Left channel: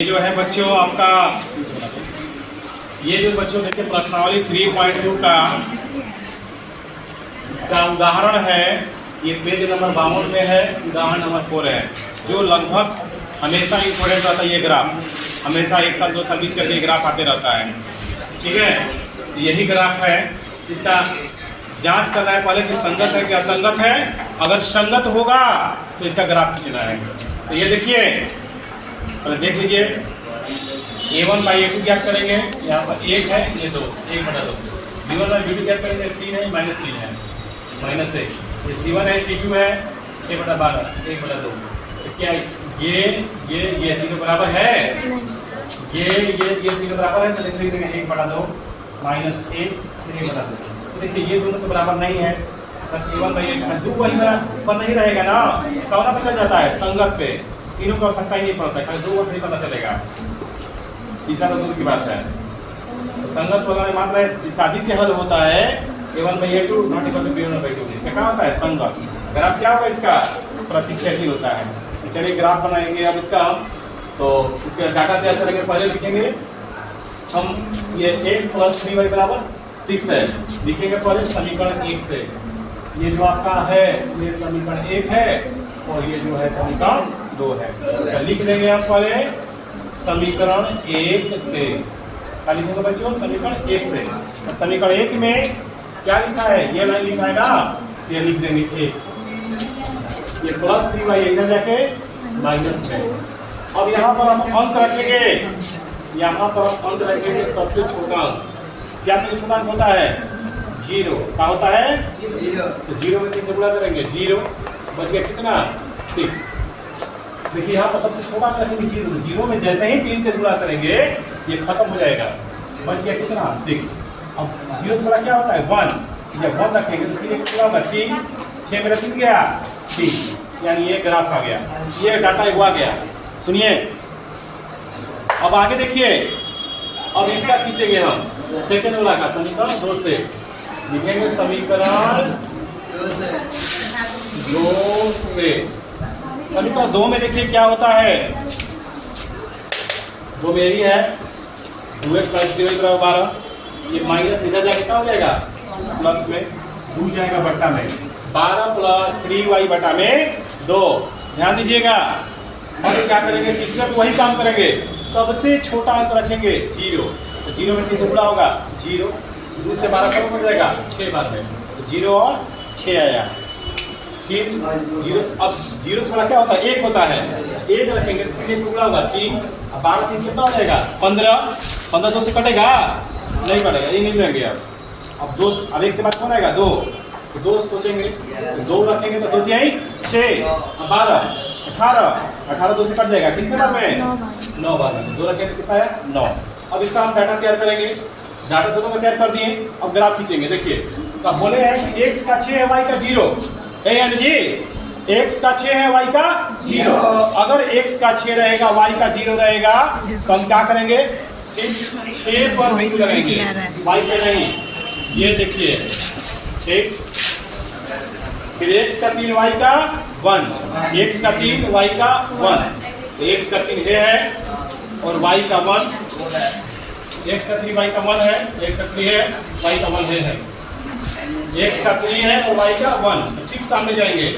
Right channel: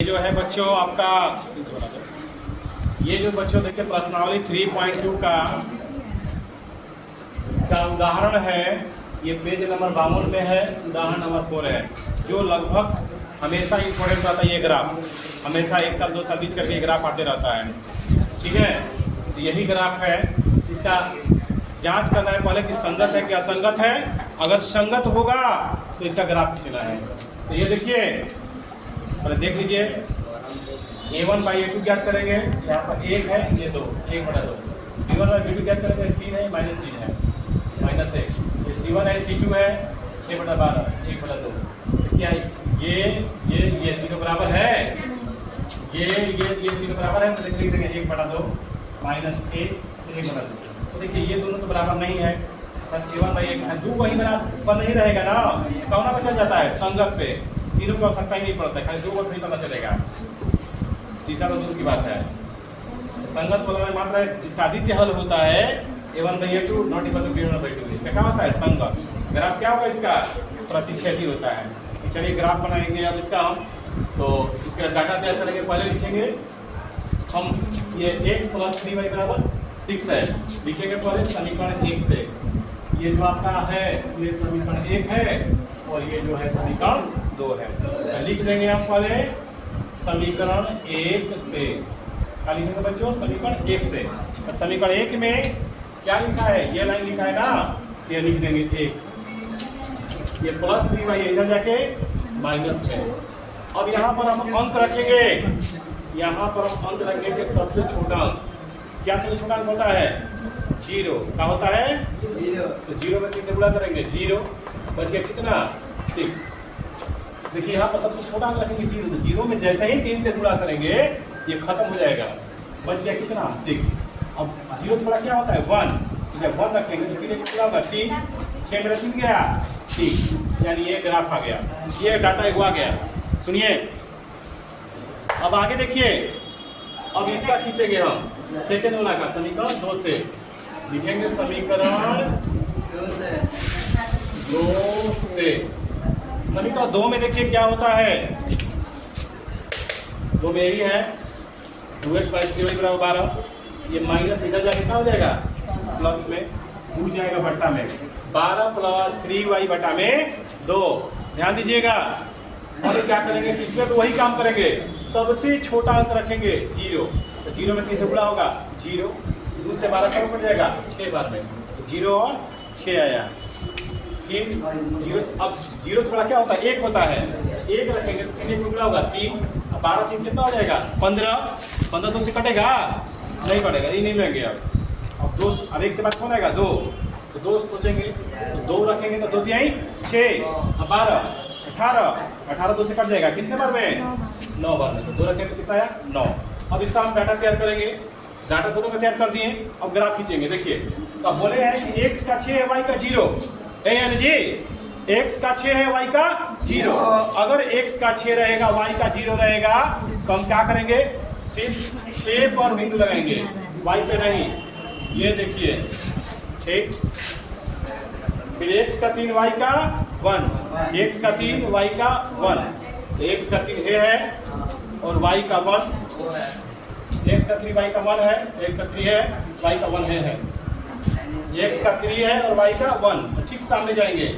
जो है बच्चों आपका ये जो बच्चों देखिए प्रश्नावली 3.2 का उदाहरण है। ये पेज नंबर 52 पे है, उदाहरण नंबर 4 है, जो लगभग हमेशा इंपोर्टेंट रहता है। ये ग्राफ हमेशा 1 साल 2 साल बीच करके ग्राफ आते रहता है, ठीक है। तो यही ग्राफ है, इसका जांच करना है पहले कि संगत है कि असंगत है। अगर संगत होगा तो इसका ग्राफ खींचना है। तो ये देखिए, देख लीजिए a1 बाई a2 क्या करेंगे, यहाँ पर 1 है, ये 2, 1/2। b1 बाई b2 क्या करेंगे, 3 है, -3 है, -1। ये c1 है, c2 है, 6/12, 1/2। क्या है ये 0 बराबर है, ये 0 बराबर है, तो लिख देंगे 1/2 -1 1/2। देखिए ये दोनों तो बराबर नहीं है, a1 बाई a2 2 वही बराबर नहीं रहेगा ना, कौन पे चल जाता है, संगत पे। तीनों की आवश्यकता ही नहीं पड़ता है, 2 से ही पता चलेगा। तीसरा तो दूसरी बात है, तो संगत वाला मात्रा जिसका आदित्य हल होता है a1 by a2 not equal to b1 by 2। इसका क्या होता है, संगत। ग्राफ क्या होगा, इसका प्रतिच्छेदी होता है। तो चलिए ग्राफ बनाएंगे अब इसका हम। तो इसका डाटा क्या करेंगे, पहले लिखेंगे हम ये x + 3y = 6 है, लिखेंगे पहले समीकरण 1 से। ये जो आपका है ये समीकरण 1 है और ये जो है समीकरण 2 है। तो लिख देंगे आप पहले समीकरण 1 से। क्या लिखेंगे बच्चों, समीकरण 1 से। तो समीकरण 1 में क्या लिखा है, ये लाइन लिखा है ना, ये लिख देंगे 1। ये +3y इधर जाके -6। अब यहाँ पर हम अंक रखेंगे, यहाँ पर हम अंक रखेंगे सबसे छोटा अंक। क्या सबसे छोटा अंक होता है, 0। क्या होता है, 0। तो 0 में 3 से गुणा करेंगे, 0 बच गया कितना, 6। देखिए यहाँ पर सबसे छोटा अंक रखेंगे 0, तो 0 में जैसे ही 3 से गुणा करेंगे ये खत्म हो जाएगा, बच गया कितना, 6। अब 0 से बड़ा क्या होता है, 1। जब 1 रखेंगे तो इसके लिए कितना होगा, 3, 6 में 3 गया 3, यानी ये ग्राफ आ गया, ये डाटा हुआ गया। सुनिए अब आगे देखिए, अब इसका खींचेंगे हम सेकंड वाला का समीकरण 2 से। लिखेंगे समीकरण 2 से। समीकरण 2 में देखिए क्या होता है, वो मेरी है 2x + 0 = 12। ये माइनस इधर जाके क्या हो जाएगा, प्लस में घूम जाएगा बट्टा में, 12 + 3y/2। ध्यान दीजिएगा। अब क्या करेंगे, तीसरे पे वही काम करेंगे, सबसे छोटा अंक रखेंगे 0। तो 0 में 3 से गुणा होगा, 0, 2 से 12 कब बन जाएगा, 6 बार में, तो 0 और 6 आया। फिर 0, अब 0 से बड़ा क्या होता है, 1 होता है, 1 रखेंगे तो 3 गुणा होगा 3, 12 3 कितना हो जाएगा, 15। 15 2 से कटेगा, नहीं कटेगा, ये नहीं लेंगे। अब 2, अब 1 के बाद कौन आएगा, 2। तो 2 सोचेंगे, तो 2 रखेंगे तो 2 तिहाई 6, 12 18 2 से कट जाएगा, कितने बार में, 9 बार में। तो 2 रखेंगे तो कितना है, 9। अब इसका हम डाटा तैयार करेंगे, डाटा दोनों का तैयार कर दिए। अब ग्राफ खींचेंगे। देखिए अब बोले हैं कि x का 6 है, y का 0 है, यानी जी x का 6 है, y का 0। अगर x का 6 रहेगा, y का 0 रहेगा, तो हम क्या करेंगे, सिर्फ 6 पर बिंदु करेंगे, y पे नहीं। ये देखिए ठीक, फिर x का 3 y का 1, x का 3 y का 1, तो x का 3 ये है और y का 1, x का 3 y का 1 है, तो x का 3 है, y का 1 है। x का 3 है और y का 1, तो ठीक सामने जाएंगे।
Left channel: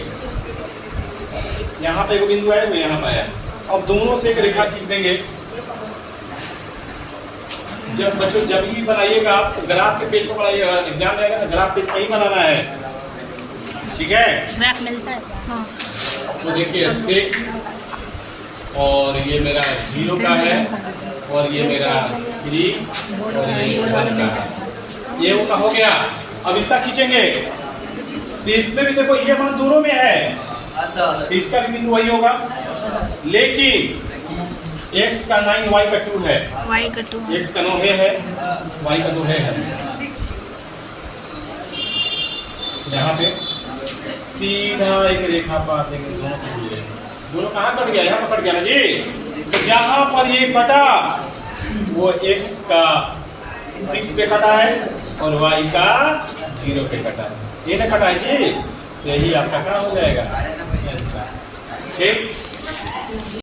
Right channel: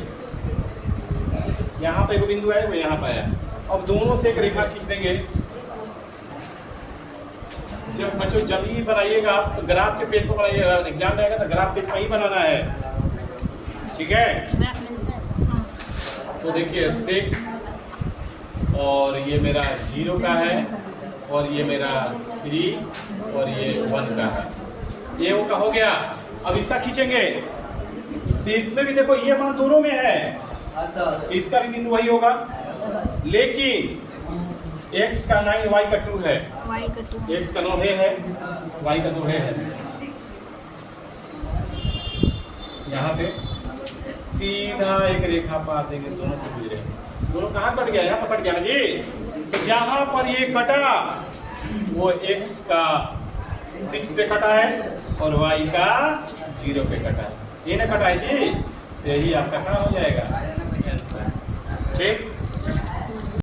यहाँ पे एक बिंदु है, वो यहाँ पे है। अब दोनों से एक रेखा खींच देंगे। जब बच्चों जब ही बनाइएगा आप ग्राफ के पेज को बनाइएगा, एग्जाम जाएगा तो ग्राफ पेज नहीं बनाना है, ठीक है। ग्राफ मिलता है, हाँ। तो देखिए 6 और ये मेरा 0 का है और ये मेरा 3 और ये 1 का है, ये वो का हो गया। अब इसका खींचेंगे, तो इसमें भी देखो ये मान दोनों में है, इसका भी बिंदु वही होगा, लेकिन x का 9 y का 2 है, y का 2 x का 9 है, y का 2 है। यहाँ पे सीधा एक रेखा पार देंगे, दोनों से मिले, दोनों कहाँ कट गया, यहाँ पर कट गया ना जी। तो जहाँ पर ये कटा वो x का 6 पे कटा है और y का 0 पे कटा, ये ना कटा है जी। यही आपका क्या हो जाएगा, ठीक।